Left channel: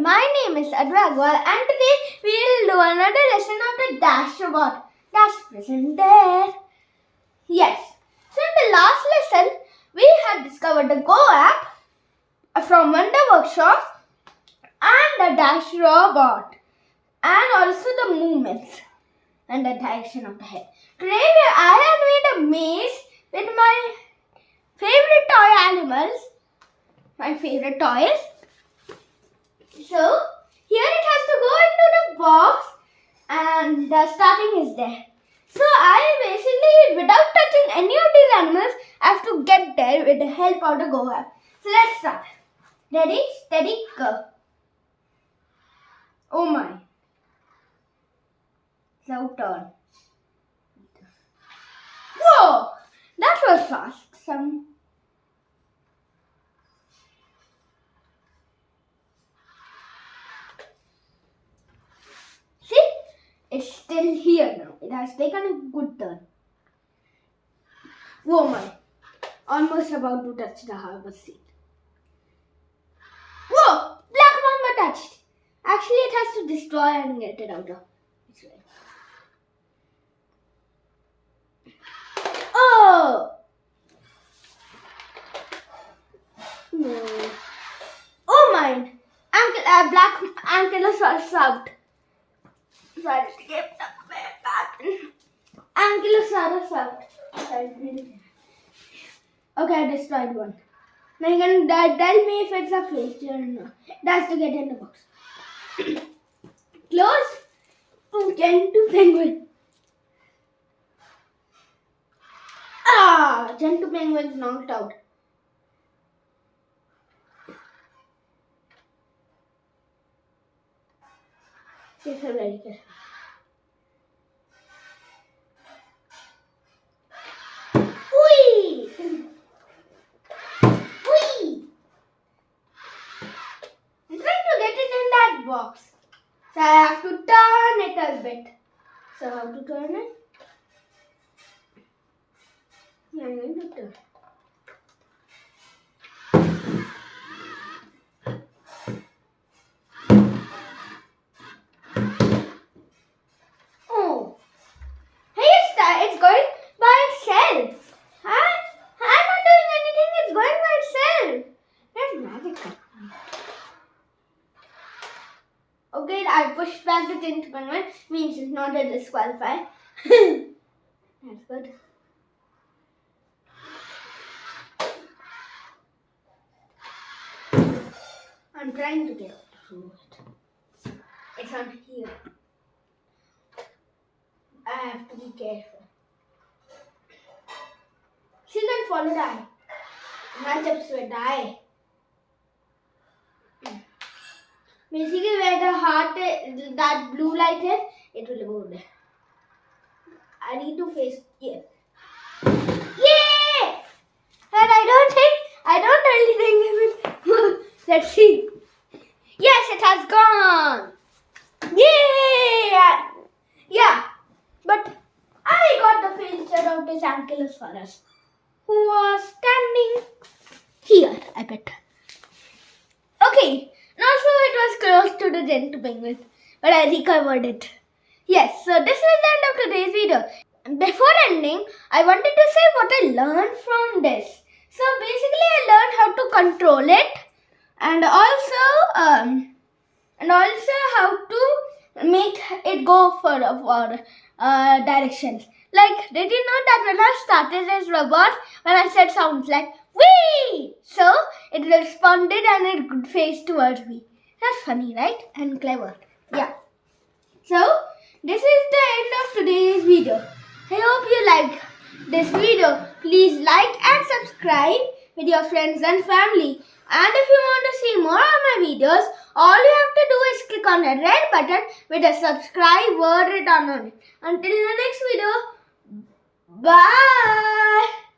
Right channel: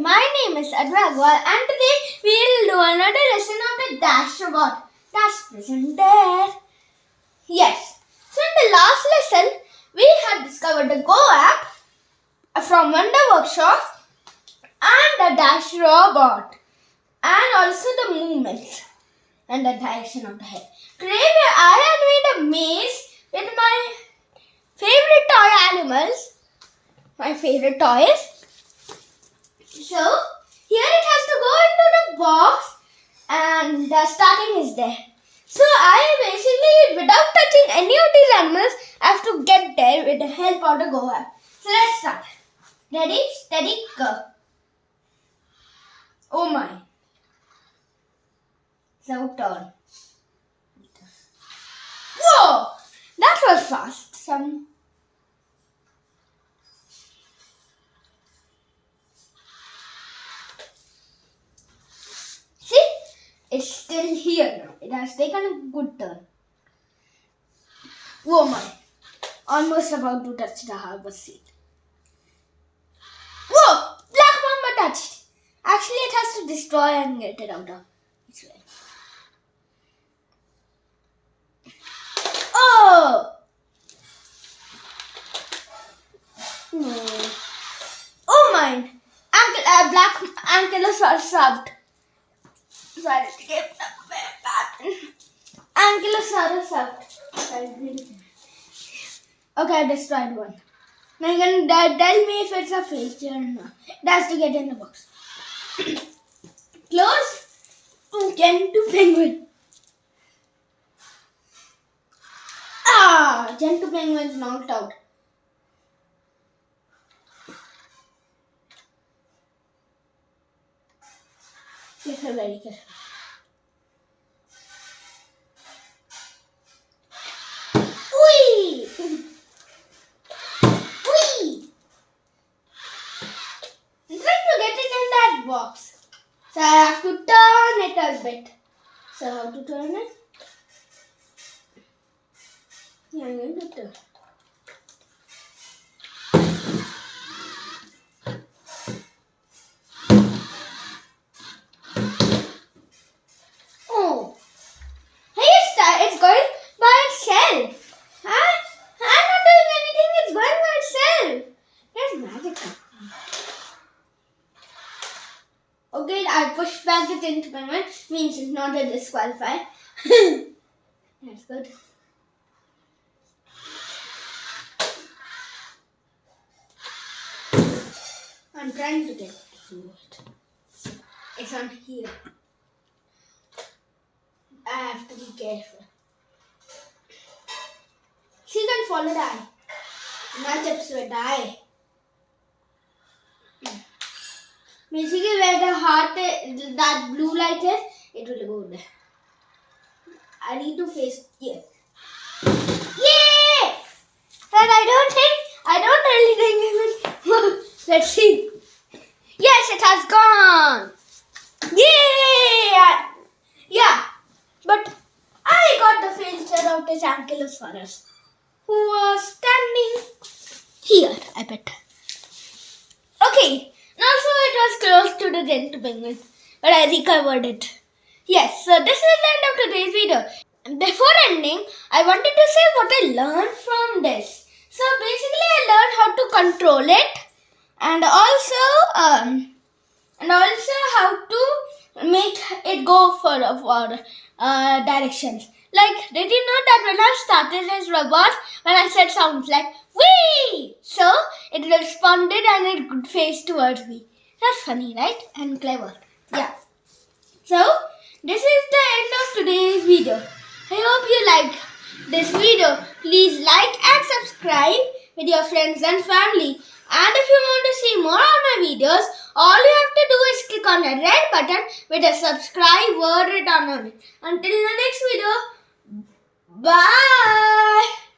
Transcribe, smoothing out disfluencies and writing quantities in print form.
my name is Advay Agarwal and today we will do another lesson of the dash robot. That's present there. Yes. So in the last lesson, we had discovered the Go app from Wonder Workshop and the dash robot and also the movements and the direction of the head. Today I had made a maze with my favorite toy animals, my favorite toys. So, here it has to go into the box and the starting is there. So, I basically, without touching any of these animals, I have to get there with the help of the Go app. So, let's start. Ready, steady, go. Oh my. Now turn. Whoa! That was fast. It's still here now. It has taken a good turn. Oh my. Almost about to touch the harbor seat. Whoa! Black mamba touched. Actually, it has to destroy and get it out of its way. Oh! No. Oh my. Black ankylosaurus out. Sorry, skip the pattern. Ankylosaurus out. Okay, I destroyed one. Now you can tell me if it's a fake or not. It has to get in the box. Close. Gentle penguin. Gentle penguin is knocked out. Yes, I'm very careful. Box. So I have to turn it a bit. So how to turn it? Yeah, I'm going to turn. Oh, hey, it's going by itself. Huh? I'm not doing anything. It's going by itself. That's magical. Okay, I pushed back the tint penguin, means it's not a disqualify. That's good. I'm trying to get through it. It's on here. I have to be careful. She can follow the eye. Not just with the eye. Basically, where the heart, that blue light is, it will go there. I need to face here. Yay! And I don't really think it will. Let's see. Yes, it has gone. Yay! Yeah, but I got the picture of this ankylosaurus who was standing here, I bet. Okay. Also, it was close to the gentle penguin, but I recovered it. Yes, so this is the end of today's video. Before ending, I wanted to say what I learned from this. So basically, I learned how to control it, and also how to make it go for directions. Like, did you know that when I started this robot, when I said sounds like wee, so it responded and it faced towards me. That's funny, right? And clever. Yeah. So, this is the end of today's video. I hope you like this video. Please like and subscribe with your friends and family. And if you want to see more of my videos, all you have to do is click on the red button with a subscribe word written on it. Until the next video, bye.